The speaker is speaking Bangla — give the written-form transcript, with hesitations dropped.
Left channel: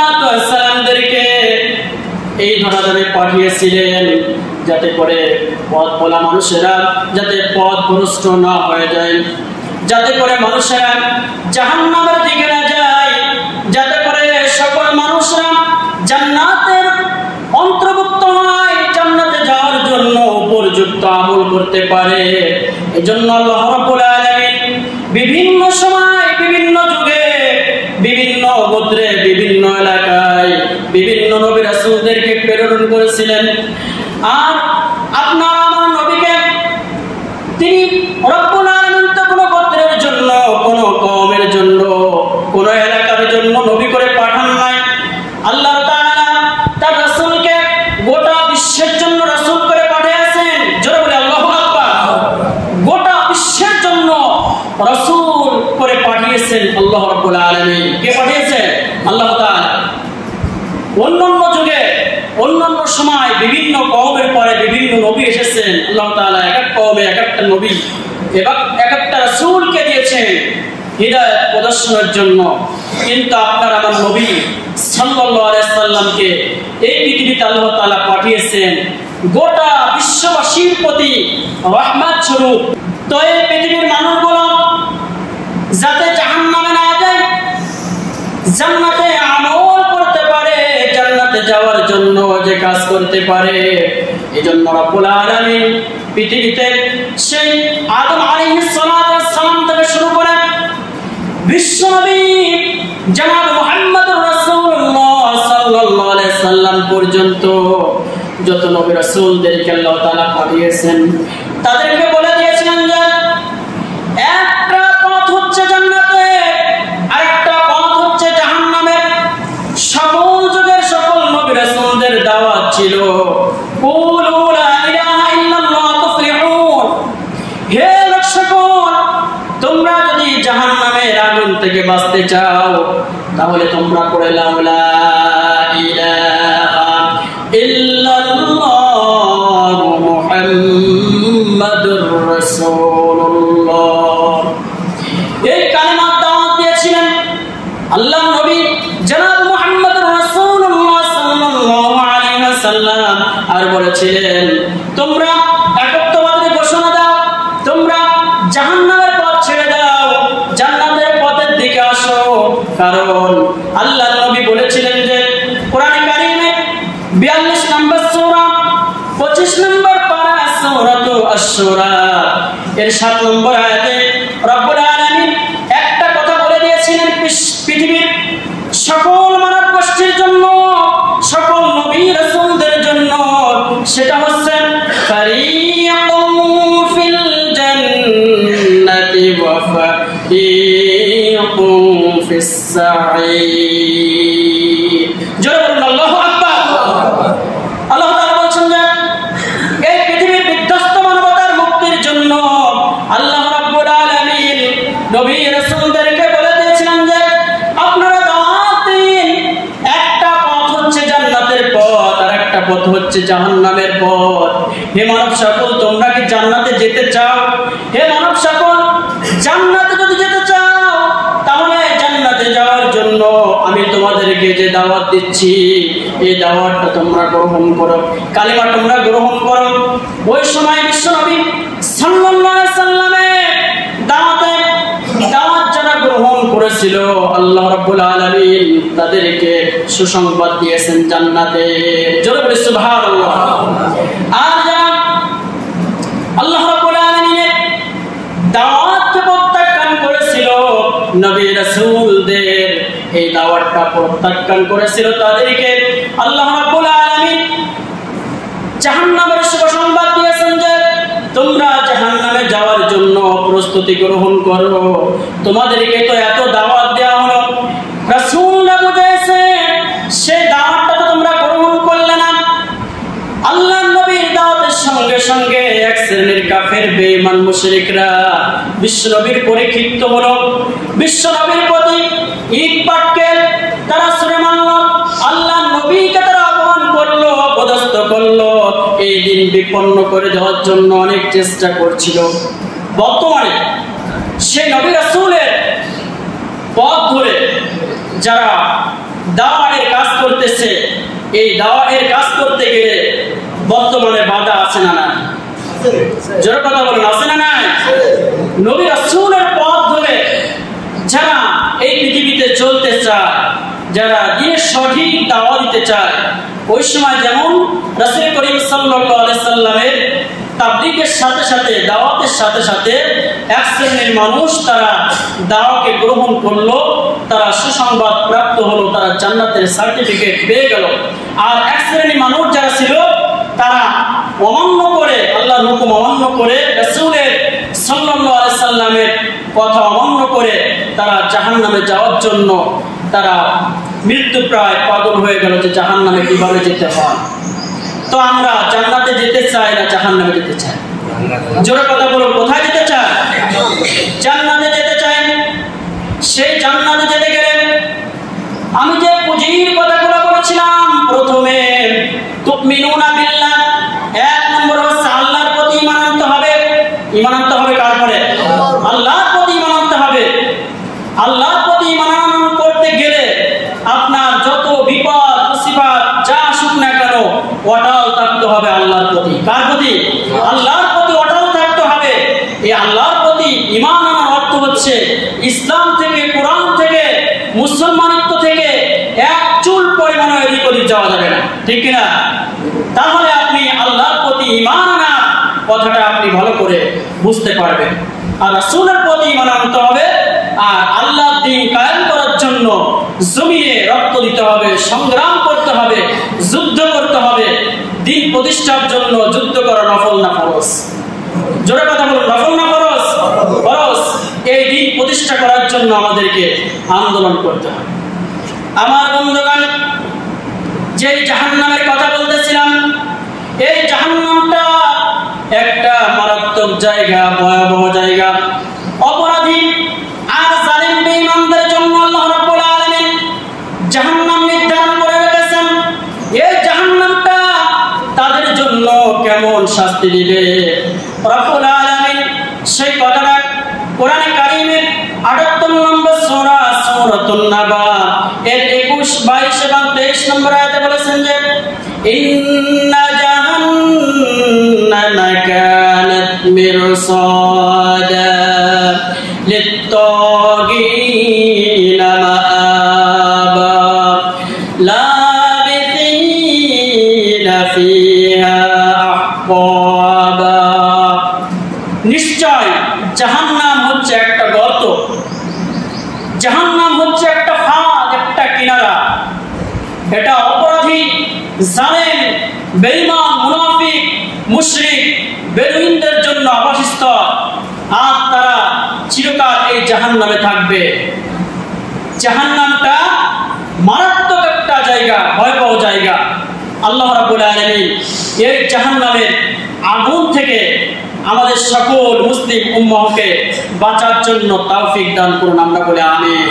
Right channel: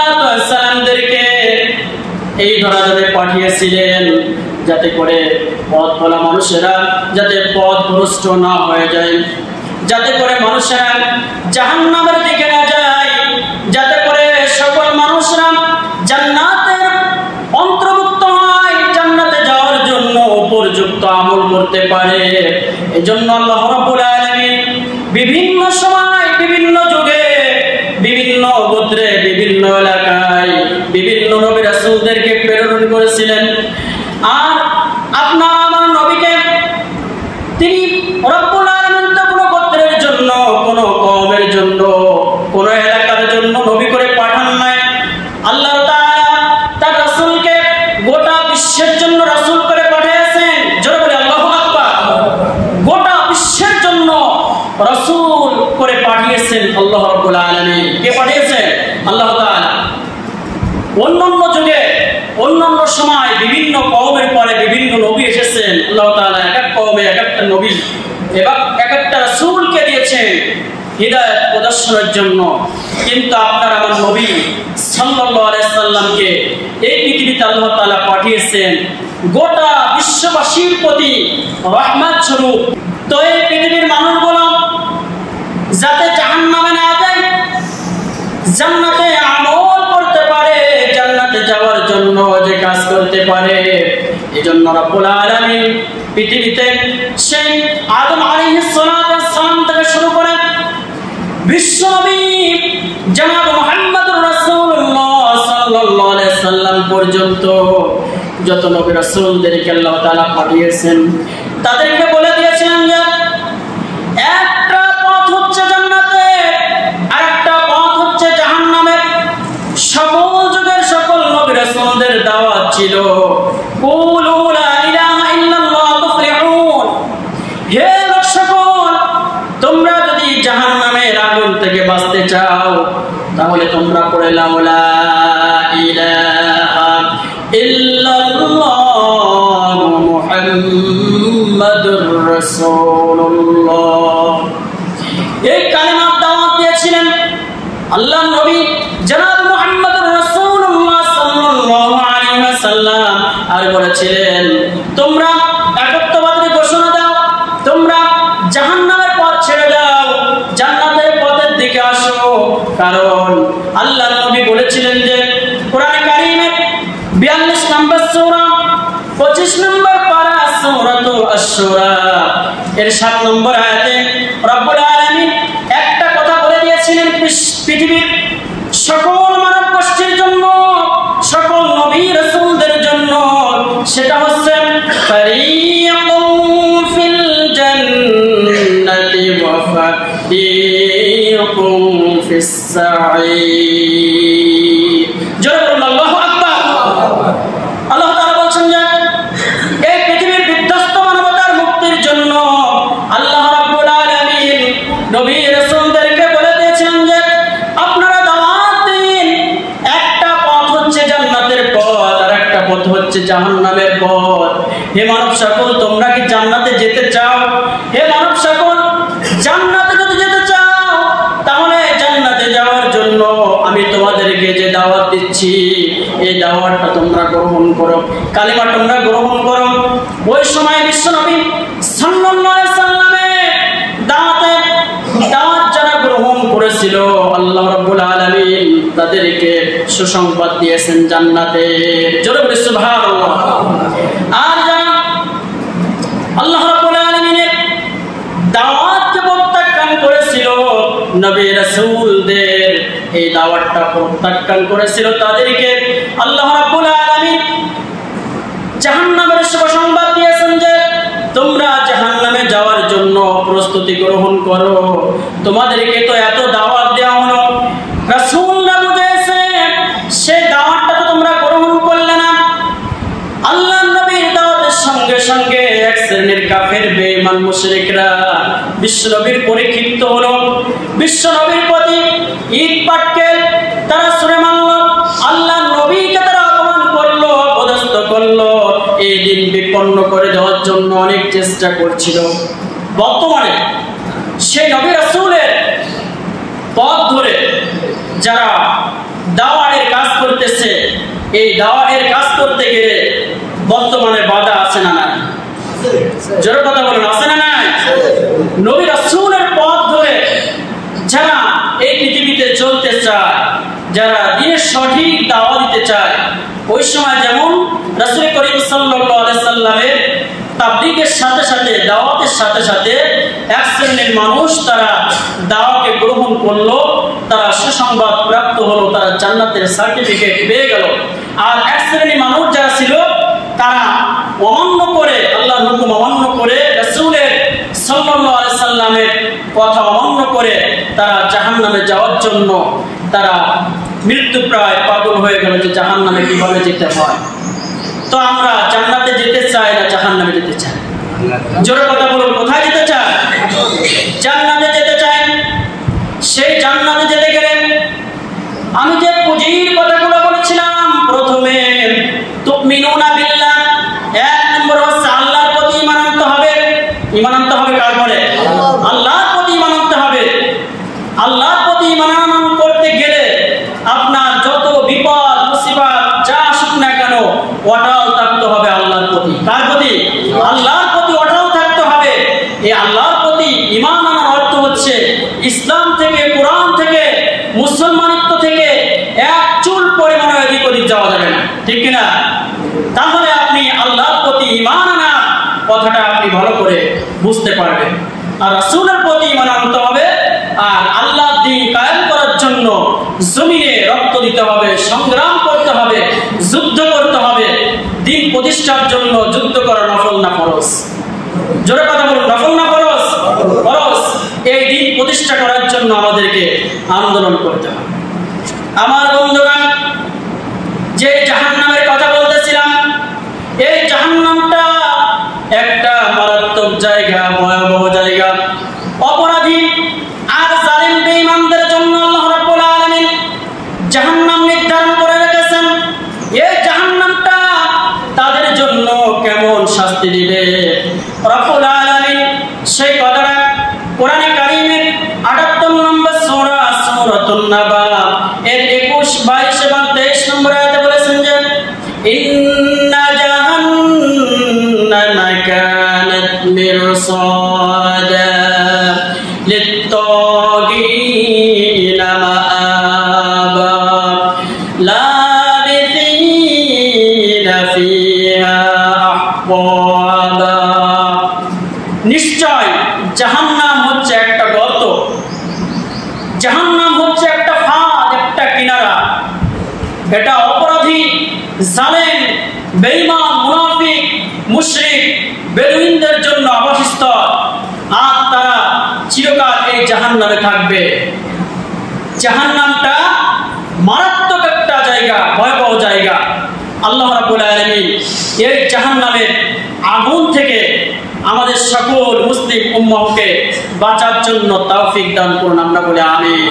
সালাতু ওয়াস সালামদেরকে এই ধরাধামে পাঠিয়েছিলেন যাতে করে পথ ভোলা মানুষেরা যাতে পথভ্রষ্ট না হয়ে যায়, যাতে করে মানুষেরা জাহান্নামের দিকে না যায়, যাতে করে সকল মানুষরা জান্নাতের অন্তর্ভুক্ত হয়, জান্নাতে যাওয়ার জন্য উপযুক্ত আমল করতে পারে। এজন্য আল্লাহ রাব্বুল আলামিন বিভিন্ন সময় বিভিন্ন যুগে বিভিন্ন গোত্রে বিভিন্ন এলাকায় বিভিন্ন নবী রাসূলদেরকে প্রেরণ করেছিলেন। আর আপনার আমার নবীকে তিনি রব্বুল আলামিন তো কোনো গোত্রের জন্য, কোনো কওমের জন্য, কোনো এলাকার জন্য নবী করে পাঠান নাই। আল্লাহ তাআলা তার রাসূলকে গোটা বিশ্বের জন্য রাসূল করে পাঠিয়েছেন। জোরে বলে আল্লাহু আকবার। গোটা বিশ্বের জন্য রাসূল করে পাঠিয়েছেন আল্লাহ রাব্বুল আলামিন। কে পাঠিয়েছেন? আল্লাহ তাআলা। অন্যান্য যুগে অন্যান্য সময় বিভিন্ন কওমের পরে বিভিন্ন নবী এসেছেন। আল্লাহ তাআলা এক এক কওমে এক একটা নবী এবং এক একটা রাসূলকে দিয়েছেন হিদায়াত প্রদর্শনের জন্য। কিন্তু আপনার আমার নবী সাল্লাল্লাহু আলাইহি সাল্লামকে এই পৃথিবীতে আল্লাহ তাআলা পাঠিয়েছেন গোটা বিশ্ববাসীর প্রতি রহমত স্বরূপ। তো এই পৃথিবীর মানুষগুলো যাতে জাহান্নামে না যায়, জান্নাতে আমল করতে পারে, জান্নাতে যাওয়ার জন্য যে কাজ করতে পারে, এজন্য রব্বুল আলামিন পৃথিবীতে সেই আদম আলাইহিস সালাতু ওয়াস সালাম থেকে শুরু করে বিশ্বনবী জনাব মুহাম্মদুর রাসূলুল্লাহ সাল্লাল্লাহু আলাইহি সাল্লাম পর্যন্ত যত নবী রাসূলদেরকে আল্লাহ তাআলা পাঠিয়েছেন তাদেরকে বলে দিয়েছিলেন যে একটা পথ হচ্ছে জান্নাতের, আরেকটা পথ হচ্ছে জাহান্নামের। সকল যুগের সকল নবী রাসূলদের দাওয়াত ছিল কুলু লা ইলাহা ইল্লাল্লাহ তুফলিহুন। হে লোক সকল, তোমরা যদি জাহান্নামের আগুন থেকে বাঁচতে চাও তাহলে তোমরা পড়ে লাও লা ইলাহা ইল্লাল্লাহ মুহাম্মাদুর রাসূলুল্লাহ। এই কালেমার দাওয়াত দিয়েছিলেন আল্লাহর নবী জনাব মুহাম্মদুর রাসূলুল্লাহ সাল্লাল্লাহু আলাইহি ওয়াসাল্লাম। আর বলেছিলেন তোমরা একত্ববাদের ঘোষণা দাও, তোমরা জাহান্নামের পথ ছেড়ে দাও, জান্নাতের পথের দিকে আসো। কারণ আল্লাহর নবী বলেছিলেন যে কোরআনে কারীমে 42 নম্বর সূরা 25 নম্বর পারা সূরাতু আশ-শুরা এর 7 নম্বর আয়াতে রব্বুল আলামিন একটা কথা বলে দিয়েছিলেন পৃথিবীর সকল মানব গোষ্ঠীর জন্য, সকল নবী রাসূলদের জন্য। সেটা হচ্ছে ফারিকুম ফিল জান্নাতি ওয়া ফারিকুম ফিস সাঈর। জোরে বলুন আল্লাহু আকবার। আল্লাহ তাআলা বলছেন যে এই পৃথিবীর বিধ্বস্ত মানবতার মুক্তির জন্য আল্লাহ রাব্বুল আলামিন নবী রাসূলদেরকে বলে দিয়েছিলেন যে আপনারা দাওয়াত দিন। একটা পথ হচ্ছে জান্নাতের পথ, আর একটা পথ হচ্ছে জাহান্নামের পথ। হে মানব সকল, তোমরা কি জান্নাতে যেতে চাও? হে মানব সকল, জান্নাতে যদি যেতে চাও তাহলে জান্নাতে যাওয়ার জন্য আমি তোমাদেরকে যে দাওয়াত দিচ্ছি এই দাওয়াতটা তোমরা গ্রহণ করো, কালিমা তোমরা গ্রহণ করো। ওই সময় বিশ্বনবী সাল্লাল্লাহু আলাইহি সাল্লামের দাওয়াত যারা গ্রহণ করেছিল আল্লাহ রাব্বুল আলামিন তাদেরকে সুসংবাদ দিয়েছেন জান্নাতের। জোরে বলি সুবহানাল্লাহ। আর যারা আল্লাহ রাব্বুল আলামিনের দাওয়াতকে প্রত্যাখ্যান করেছিল, নবী রাসূলদের এই দাওয়াতটা প্রত্যাখ্যান করেছিল, তাদেরকে আল্লাহ রাব্বুল আলামিন জাহান্নামের সুসংবাদ দিয়েছেন যে তোমরা জাহান্নামে যাওয়ার জন্য প্রস্তুতি গ্রহণ করো। তোমাদেরকে তো এত দাওয়াত দেওয়া হলো, রাসূলরা বুঝাইছে, সেই দাওয়াতটা তো তোমরা গ্রহণ করলে না। আল্লাহর নবীর দাওয়াতের সঙ্গে সঙ্গে এক শ্রেণীর কাফের বেঈমান মুশরিকরা বিশ্বনবীর পরীক্ষিত হলো, বিশ্বনবীর প্রতি ইট পাটকেল তারা ছুঁড়ে মারল, আল্লাহর নবীকে তারা অপমান করলো, অপদস্থ করলো। এই দিন বিপন্ন করে দেওয়ার জন্য অনেক চেষ্টা করছিল। বর্তমানে সেই নবী রাসূলের পথ ধরে যারা দাওয়াতের কাজ করতেছে, এই দাওয়াতের কাজ করতে গেলে বর্তমানে বাধা আছে না নাই? জোরে কথা বলেন, আছে না নাই? নবী রাসূলের পথ ধরে যারা এই পৃথিবীতে চলতে চায়, যারা দিনের সঠিক দাওয়া দিতে চায়, ওই সময় যেমন রাসূল করিম সাল্লাল্লাহু আলাইহি সাল্লামের তাবলীগের সাথে সাথে, দাওয়াতের সাথে সাথে এক শ্রেণীর মানুষ তারা দাওয়াকে গ্রহণ করলো, তারা সুসংবাদ প্রাপ্ত হলো, তারা জান্নাতের সার্টিফিকেট পেয়ে গেল। আর এক শ্রেণীর মানুষ যারা ছিল তারা অমান্য করে, আল্লাহর হুকুম অমান্য করে, রাসূলের সাল্লাল্লাহু আলাইহি সাল্লামের কথা অমান্য করে তারা জাহান্নামে যাওয়ার জন্য তারা মৃত্যুপ্রায় পাগল হয়ে গেল যে জাহান্নামে কিভাবে যেতে হয়। তো আমরা জান্নাতে যেতে চাই না জাহান্নামে যেতে চাই? জোরে কথা বলুন, কোথায় যেতে চাই? জান্নাতে যেতে চাই। সেই জান্নাতে যেতে গেলে আমি যে পুঁজির কথাগুলো বলেছিলাম, প্রথমে তুমিনুনা বিল্লাহ, এক নম্বর হচ্ছে আল্লাহর প্রতি ঈমান আনতে হবে। ঈমান আনতে হবে কার পরে? আল্লাহর প্রতি ঈমান আনতে হবে। আল্লাহর প্রতি ঈমান করতে গেলে আপনার যত বিপদ মুসিবত যা আসুক না কেন অটল থাকতে হবে আল্লাহর প্রতি। কার প্রতি? আল্লাহর প্রতি অটল থাকতে হবে। এই আল্লাহর প্রতি ঈমান আনার অর্থ হচ্ছে ইসলাম থেকে, কোরআন থেকে, মুসলমানিত্ব থেকে এক চুল পরিমাণ এদিক ওদিক যাওয়া যাবে না, ঠিক কিনা? তাহলে আপনি আল্লাহর প্রতি ঈমান আনার কথাটা আপনি ভালো করে বুঝতে পারবেন। আর রাসূলের প্রতি ঈমান আনতে হবে। আর আল্লাহর দ্বীন কায়েম করার জন্য জমিনে রক্ত দিতে হবে, সংগ্রাম করতে হবে, যুদ্ধ করতে হবে। দ্বীন প্রতিষ্ঠার জন্য যুদ্ধ করা নফল না ফরজ? জোরে কথা বলুন, নফল না ফরজ? ফরজ। এই দ্বীন প্রতিষ্ঠা করার জন্য আমাদেরকে আন্দোলন করতে হবে। আমার বন্ধুগণ, যে জাহান্নামের কথা বলতেছিলাম, এই জাহান্নামটা একটা মারাত্মক জায়গা, ভয়াবহ জায়গা। অপরাধী আর জালিম বেঈমানদের জন্য আল্লাহ রাব্বুল আলামিন জাহান্নাম নির্ধারণ করে রেখেছেন। এই জাহান্নামটা তাদের জন্য কেমন শাস্তি দিবে রাব্বুল আলামিন সেই কথাটা কোরআনে কারীমের 78 নম্বর সূরা সূরাতুন নাবা এর 21, 22 এবং 23 নম্বর আয়াতে বলেছেন যে ইন্না জাহান্নামা কানাত মিরসাদা লিত-তাগীনা মাআবা লাবিসিনা ফিহা আহকাবা। নিশ্চয় জাহান্নাম হচ্ছে একটা গর্ত, জাহান্নাম হচ্ছে একটা ফাঁদ, একটা কিনারা। এটা অপরাধী, জালেম, বেঈমান, মুনাফিক, মুশরিক, বেদুইনদের জন্য আবাসস্থল। আর তারা চিরকাল এই জাহান্নামে থাকবে। জাহান্নামটা মারাত্মক একটা জায়গা, ভয়াবহ জায়গা। আল্লাহ রাব্বুল আলামিন এই জাহান্নামের আগুন থেকে আমাদের সকল মুসলিম উম্মাহকে বাঁচার জন্য তৌফিক দান করুন, আমরা বলি আমিন।